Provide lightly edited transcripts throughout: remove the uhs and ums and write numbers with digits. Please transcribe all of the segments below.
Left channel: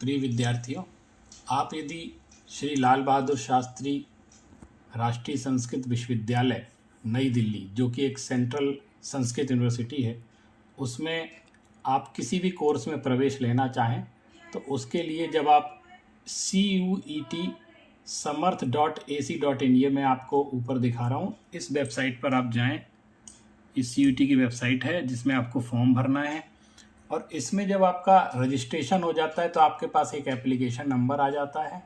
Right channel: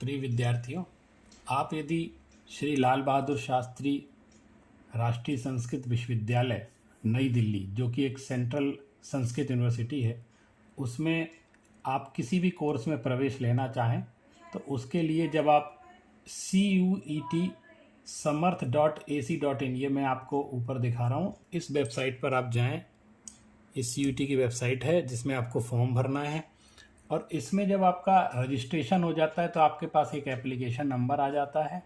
प्रिय विद्यार्थियों, आप यदि श्री लाल बहादुर शास्त्री राष्ट्रीय संस्कृत विश्वविद्यालय नई दिल्ली, जो कि एक सेंट्रल संस्कृत यूनिवर्सिटी है, उसमें आप किसी भी कोर्स में प्रवेश लेना चाहें तो उसके लिए जब आप CUET samarth.ac.in, ये मैं आपको ऊपर दिखा रहा हूँ, इस वेबसाइट पर आप जाएं। इस CUET की वेबसाइट है जिसमें आपको फॉर्म भरना है और इसमें जब आपका रजिस्ट्रेशन हो जाता है तो आपके पास एक एप्लीकेशन नंबर आ जाता है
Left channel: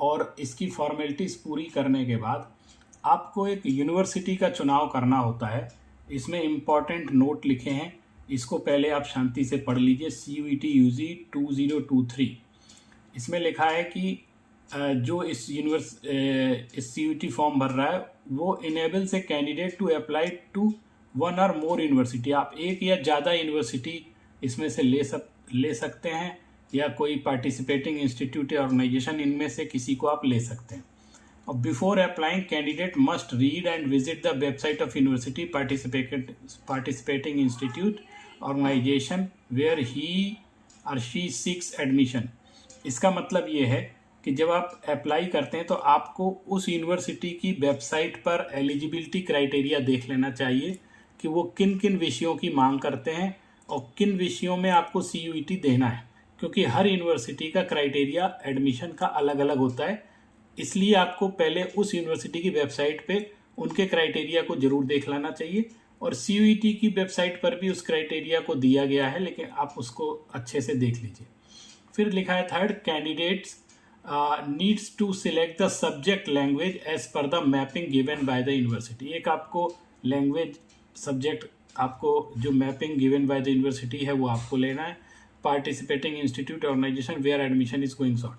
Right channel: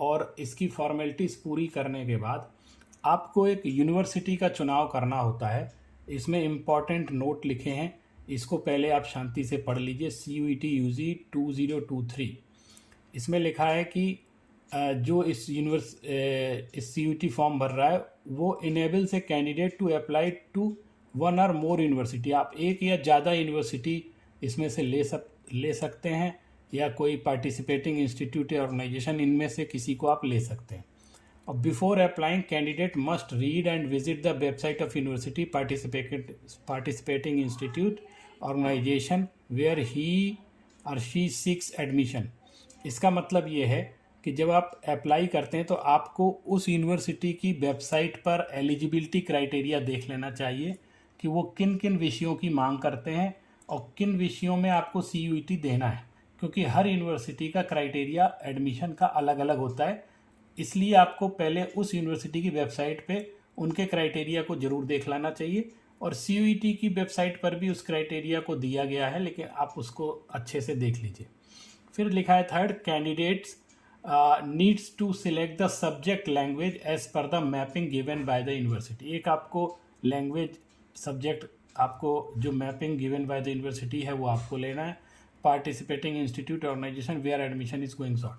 और इसकी फॉर्मेलिटीज़ पूरी करने के बाद आपको एक यूनिवर्सिटी का चुनाव करना होता है। इसमें इम्पॉर्टेंट नोट लिखे हैं, इसको पहले आप शांति से पढ़ लीजिए। CUET UG 2023, इसमें लिखा है कि जो इस CUET फॉर्म भर रहा है वो enables a candidate to apply to one or more university. आप एक या ज़्यादा यूनिवर्सिटी इसमें से ले सकते हैं, या कोई पार्टिसिपेटिंग इंस्टीट्यूट या ऑर्गेनाइजेशन, इनमें से किसी को आप ले सकते हैं। और before applying candidate must read and visit the website of university participating institute organisation where he or she seeks admission. इसका मतलब ये है कि जब आप अप्लाई करते हैं तो आपको उस यूनिवर्सिटी की वेबसाइट पर एलिजिबिलिटी क्राइटेरिया देख लेना चाहिए कि वो किन किन विषयों की मांग करते हैं और किन विषयों में आपको CUET देना है, क्योंकि हर यूनिवर्सिटी का क्राइटेरिया एडमिशन का अलग अलग होता है। इसलिए आपको पहले उस यूनिवर्सिटी की वेबसाइट पे उनके क्राइटेरिया को जरूर देख लेना चाहिए, और CUET की वेबसाइट पर भी उस क्राइटेरिया को दिया गया है, लेकिन आप उसको अच्छे से देख लीजिए। फिर लिखा है third, candidates needs to select the subject language as per the mapping given by the university. एक आपको लैंग्वेज सब्जेक्ट, आपको जो mapping given by the university है वो आपको लेना है। Participating institute organisation where admission is going on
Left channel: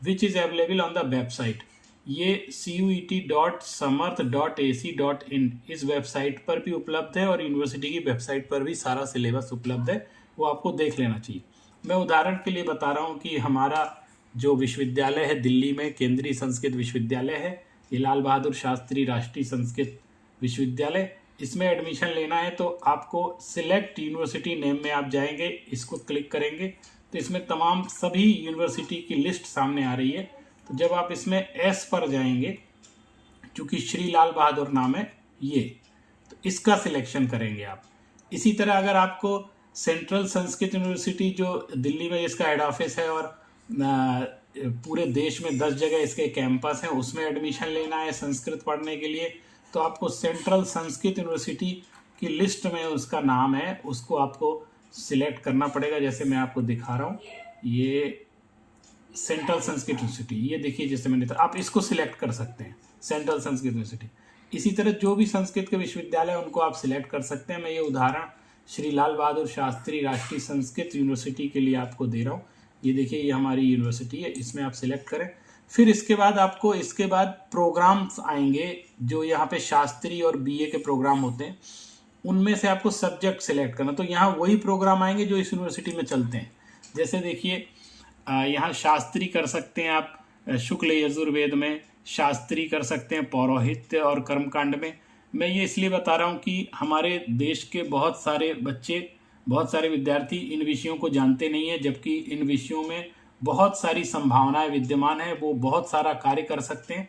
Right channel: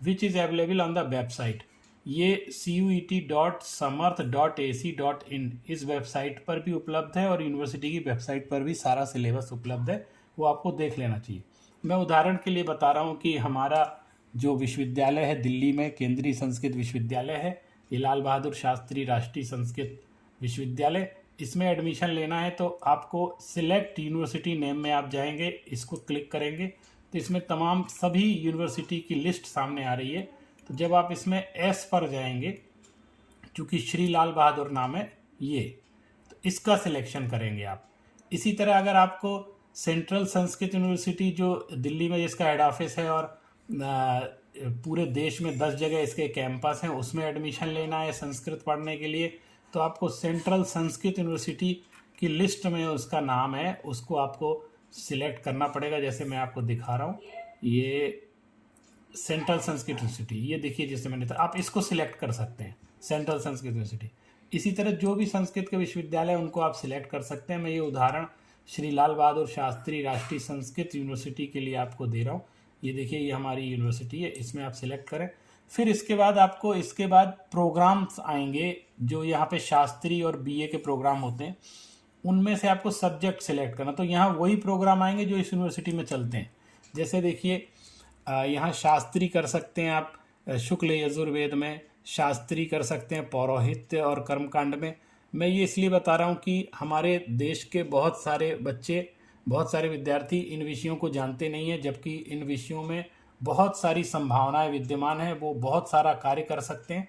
which is available on the website. ये CUET.samarth.ac.in इस वेबसाइट पर भी उपलब्ध है और यूनिवर्सिटी की वेबसाइट पर भी सारा सिलेबस उपलब्ध है, वो आपको देख लेना चाहिए। मैं उदाहरण के लिए बता रहा हूँ कि हमारा जो विश्वविद्यालय है दिल्ली में, केंद्रीय संस्कृत विश्वविद्यालय है, ये लाल बहादुर शास्त्री राष्ट्रीय संस्कृत विश्वविद्यालय, इसमें एडमिशन लेना है तो आपको सिलेक्ट यूनिवर्सिटी नेम में आप जाएंगे, इसको क्लिक करेंगे तो इसमें तमाम सभी यूनिवर्सिटी की लिस्ट सामने आ रही है। तो जब आप इसमें S पर जाएंगे, चूँकि श्री लाल बहादुर नाम है ये, तो इसका सिलेक्शन करेंगे आप। इसी तरह अगर आपको सेंट्रल संस्कृत यूनिवर्सिटी जो दिल्ली में जिसका हेड ऑफिस है और पूरे देश में 10 जगह इसके कैंपस हैं, उसमें एडमिशन लेना है संस्कृत पढ़ने के लिए, तो आपको सेंट्रल संस्कृत यूनिवर्सिटी की लिस्ट में उसका नाम है, उसको आपको सिलेक्ट करना पड़ेगा। जैसे मैं आपको दिखा रहा हूँ, ये सेंट्रल संस्कृत यूनिवर्सिटी, ये देखिए जैसे मैंने आप इसको सिलेक्ट कर सकते हैं, सेंट्रल संस्कृत यूनिवर्सिटी। इसी तरह जो भी संस्कृत के विश्वविद्यालय उनको आप सिलेक्ट कर सकते हैं। मैं ये उदाहरण श्री लाल बहादुर शास्त्री राष्ट्रीय संस्कृत यूनिवर्सिटी के लिए आपको दे रहा हूँ। ये देखिए, ये हमारी यूनिवर्सिटी है, इसमें आप सिलेक्ट करें। फिर इसके बाद आपको इसके बाद प्रोग्राम्स आएंगे, जो यहाँ पे शास्त्री और BA के प्रोग्राम होते हैं, उनमें से आपको सब्जेक्ट सिलेक्ट करना। तो यहाँ वही प्रोग्राम आएंगे जो इस यूनिवर्सिटी में चलते हैं। जैसे देखिए, यहाँ शास्त्री कर सकते हैं आप शुक्ल यजुर्वेद में, शास्त्री कर सकते हैं पौरोहित्य और कर्मकांड में। मैं ये इसलिए बता रहा हूँ कि हमारे देश के बहुत सारे बच्चे, बहुत सारे विद्यार्थी इन विषयों को जानते नहीं हैं, जबकि इन विषयों में बहुत सारी संभावनाएं विद्यमान है, वो बहुत सारा कार्य कर सकते हैं।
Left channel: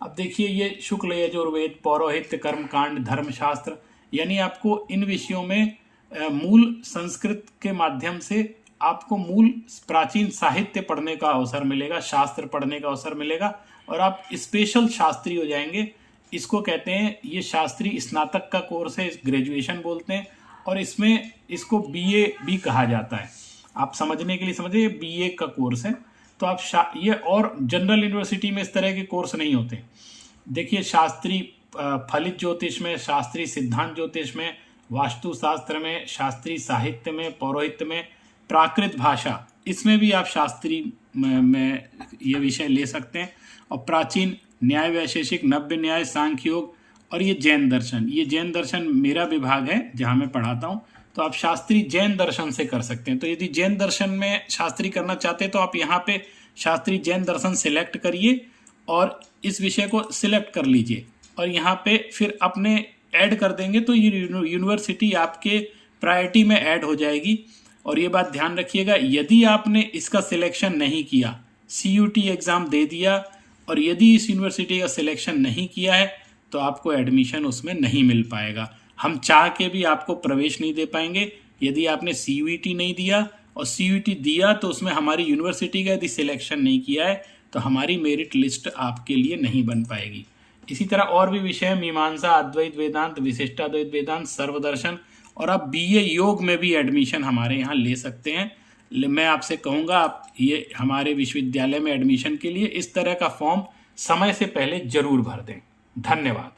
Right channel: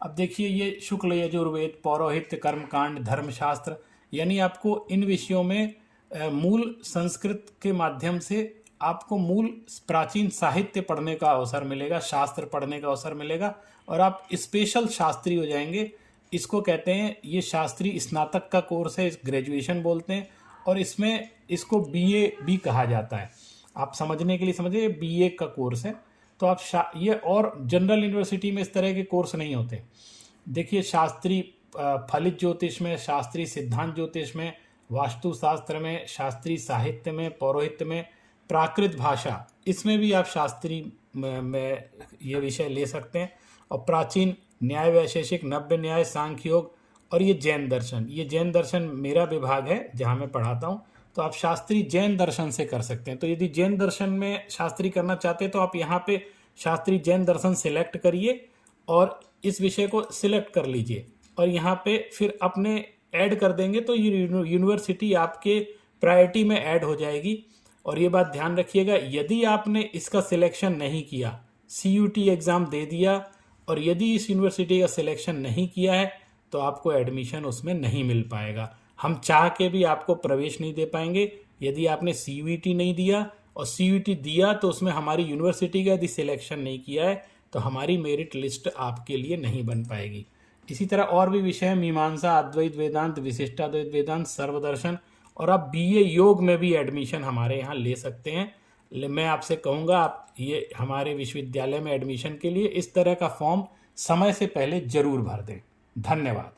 अब देखिए, ये शुक्ल यजुर्वेद, पौरोहित्य, कर्मकांड, धर्मशास्त्र, यानी आपको इन विषयों में मूल संस्कृत के माध्यम से आपको मूल प्राचीन साहित्य पढ़ने का अवसर मिलेगा, शास्त्र पढ़ने का अवसर मिलेगा, और आप स्पेशल शास्त्री हो जाएंगे। इसको कहते हैं, ये शास्त्री स्नातक का कोर्स है, ग्रेजुएशन बोलते हैं, और इसमें इसको BA भी कहा जाता है। आप समझने के लिए समझिए, BA का कोर्स है। तो आप ये, और जनरल यूनिवर्सिटी में इस तरह के कोर्स नहीं होते। देखिए, शास्त्री फलित ज्योतिष में, शास्त्री सिद्धांत ज्योतिष में, वास्तुशास्त्र में, शास्त्री साहित्य में, पौरोहित्य में, प्राकृत भाषा, इसमें भी आप शास्त्री में ये विषय ले सकते हैं। और प्राचीन न्याय वैशेषिक, नव्य न्याय, सांख्य योग, और ये जैन दर्शन, ये जैन दर्शन मेरा विभाग है जहाँ मैं पढ़ाता हूँ, तो आप शास्त्री जैन दर्शन से कर सकते हैं। तो यदि जैन दर्शन में शास्त्री करना चाहते हैं तो आप यहाँ पे शास्त्री जैन दर्शन सिलेक्ट करिए और इस विषय को सिलेक्ट कर लीजिए, और यहाँ पे फिर अपने ऐड कर देंगे तो ये यूनिवर्सिटी आपके प्रायोरिटी में ऐड हो जाएगी। और ये बात ध्यान रखिएगा, यदि आपने इसका सिलेक्शन नहीं किया, CUT एग्ज़ाम दे दिया और यदि इस यूनिवर्सिटी का सिलेक्शन नहीं किया है तो आपको एडमिशन उसमें नहीं मिल पाएगा। हम चाह के भी आपको प्रवेश नहीं दे पाएंगे यदि आपने CUT नहीं दिया, और CUT दिया तो उसमें हमारी यूनिवर्सिटी का यदि सिलेक्शन नहीं किया है तो हमारी मेरिट लिस्ट आपके लिए नहीं बन पाएगी। इसी तरह और भी विषय, मीमांसा, अद्वैत वेदांत, विशिष्टाद्वैत वेदांत, सर्वदर्शन, और आप BA योग में भी एडमिशन हमारे यहाँ ले सकते हैं। मैं आपसे कहूँगा आप ये हमारे विश्वविद्यालय में एडमिशन के लिए इस तरह का फॉर्म समय से पहले ज़रूर भर दें। धन्यवाद।